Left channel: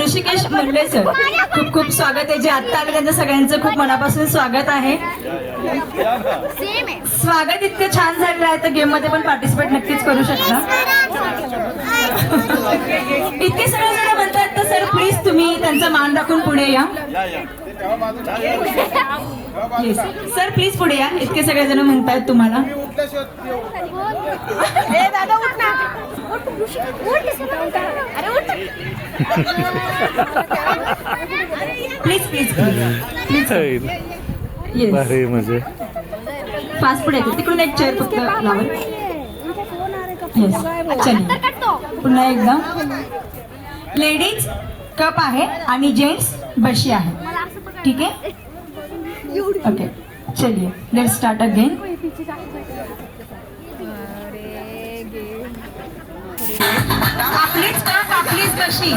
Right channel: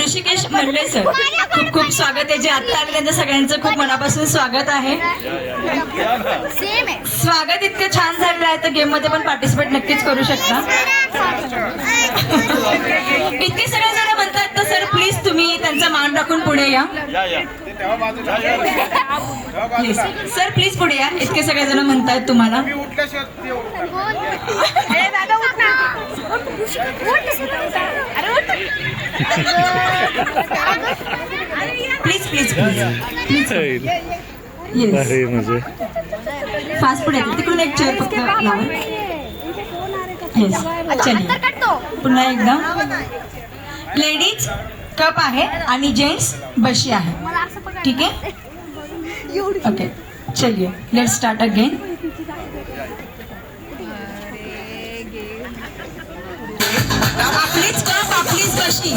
ऋषिकेश मंडले sir, खूप खूप स्वागत आहे. जे आत्ता आले त्यांचं सगळ्यांचं खूप मनापासून स्वागत आहे. स्वागत इतकं छान झालेलं आहे तर गेम मध्ये पण पार्टिसिपेट नक्कीच करू शकता. इतके सगळे जण म्हणतात तर सर प्लीज तुम्ही त्यांचा मान राखून पुढे या. प्लीज सर, प्लीज पुढे या. इतके सगळे जण म्हणतात तुम्हाला. प्लीज प्लीज प्लीज म्हणजे फास्ट पुढे तिकडून एक चेअर फक्त लावा. चलिए पुन्हा एकदा. लेडीज कप आहे आणि जेंट्स बशी आहे. ठीक आहे, ओके. चलिए लेट्स स्टार्ट अगेन. आपलीच कप आपलीच बशी,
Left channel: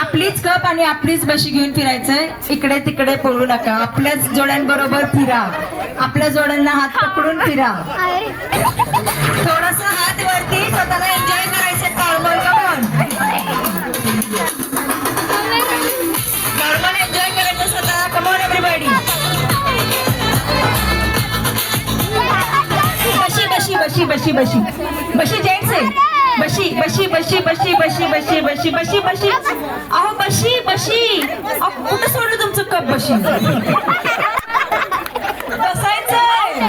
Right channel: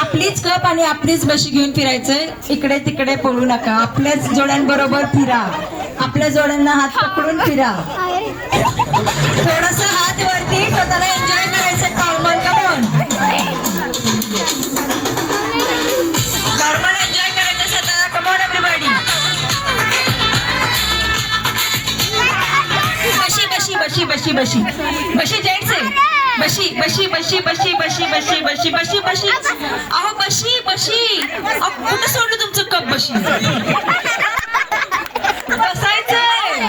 आपलीच कप आणि आपलीच बशी घेऊन फिरायचंय. इकडे तिकडे पळू नका. आपल्याच जोड्यांबरोबर फिरा. आपल्या जोड्यांना हात पकडून फिरा. थोडासा हात वरती, स्वतःला एन्जॉय करायचं. नॉर्मल कमॉन, नॉर्मल एन्जॉय करायचं स्वतःला. Come on everybody. बशी बशी बशी बशी बशी बशी जेंट्स आहे. बशी बशी बशी बशी बशी बशी बशी बशी बशी. अहो बशी बशी, अहो कुठं सोडलं तुमचं कप? बशी बसायचंय,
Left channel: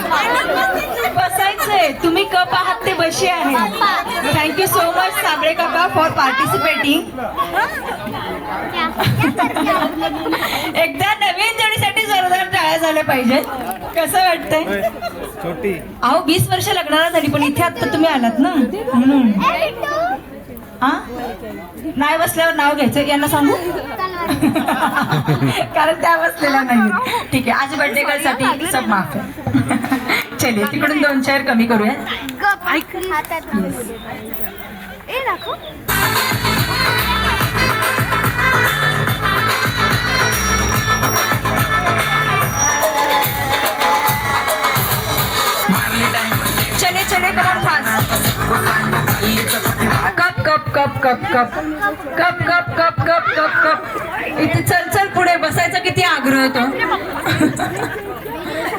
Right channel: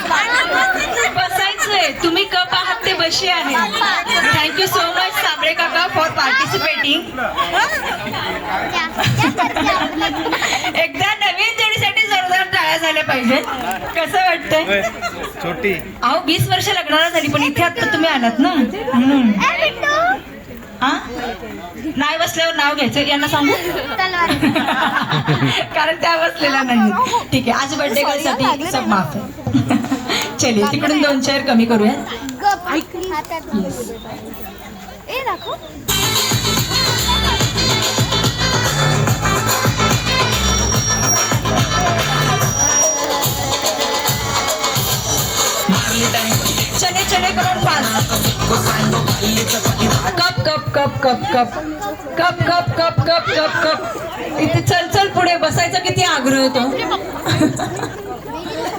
बसायचंय. तुम्ही कप आहात ते बशी आहे. थँक्यू सो मच साबळे काका फॉर पार्टिसिपेटिंग. एकदा नवीन जोडीसाठी जोरदार टाळ्या झाल्या पाहिजेत. कसं वाटतंय? छोटी अहो 20 वर्ष लग्नाला झाली पण इथे आता तुम्ही आलात ना म्हणून. हा, नाही बसल्यावर नाव घ्यायचं. यांना सांगू कारण त्या बसलेला नाही. ठीक आहे, आज बर्थडे गर्ल साठी सब माफ आहे. चलिए तिकडून 2 चेअर कमी करूया. चले चले करा fast. Cup cup cup cup cup cup cup cup cup cup cup. इथे चल चल पुढे बसायचा किती आग्रह होतो.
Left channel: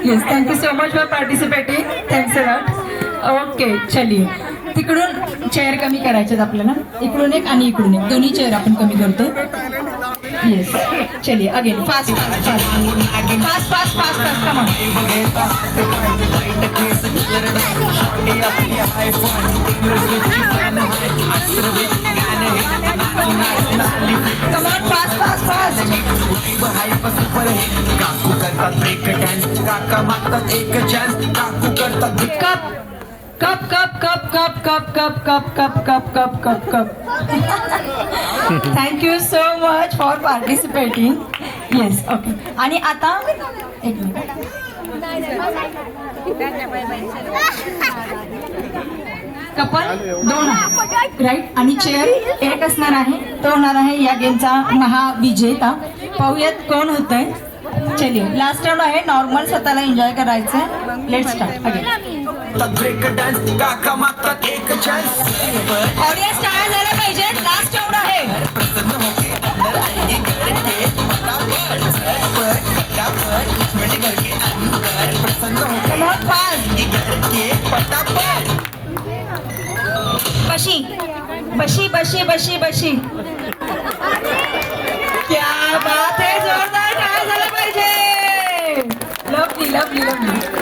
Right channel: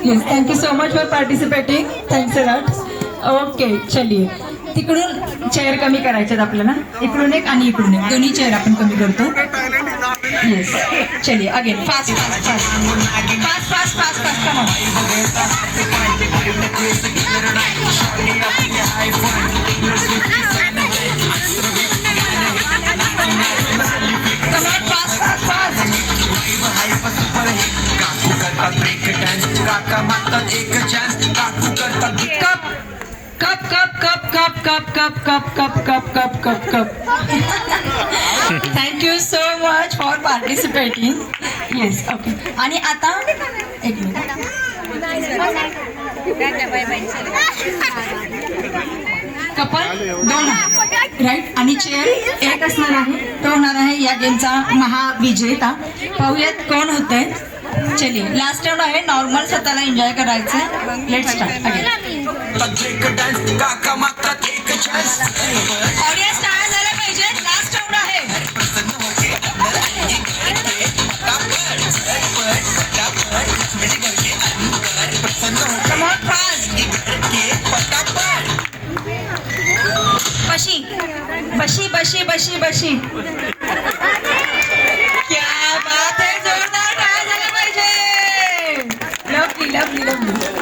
Yes, thank you so much for participating. Thanks a lot. Okay चलिए तिकडून चेअर कमी करायच्यात आपल्याला. इकडून एक आणि इकडून एक, दोन्ही चेअर आपण कमी करतो. येस, चलिए again fast fast fast fast fast fast fast. Come on, fast, fast, fast. Cup, cup, cup, cup, cup, cup, cup, cup, cup, cup, cup, cup. Thank you so much for participating. Yes, okay. आणि आता एक minute. Couple 2 right आणि chair 1 असणार आहे. तो होणार आहे या गेमचा महाविजेता. पाहूयात कोण होतंय. चलिए लास्ट राउंड आहे. नॉर्मल स्वतःला एन्जॉय करायचं. Let's start again. ऑडियन्स टाळ्या झाल्या पाहिजे. लास्ट राउंड आहे. Come on, fast. बशी बशी बशी बशी बशी. क्या बात है, जोरदार टाळ्या झाल्या पाहिजे. Lovely lovely lovely.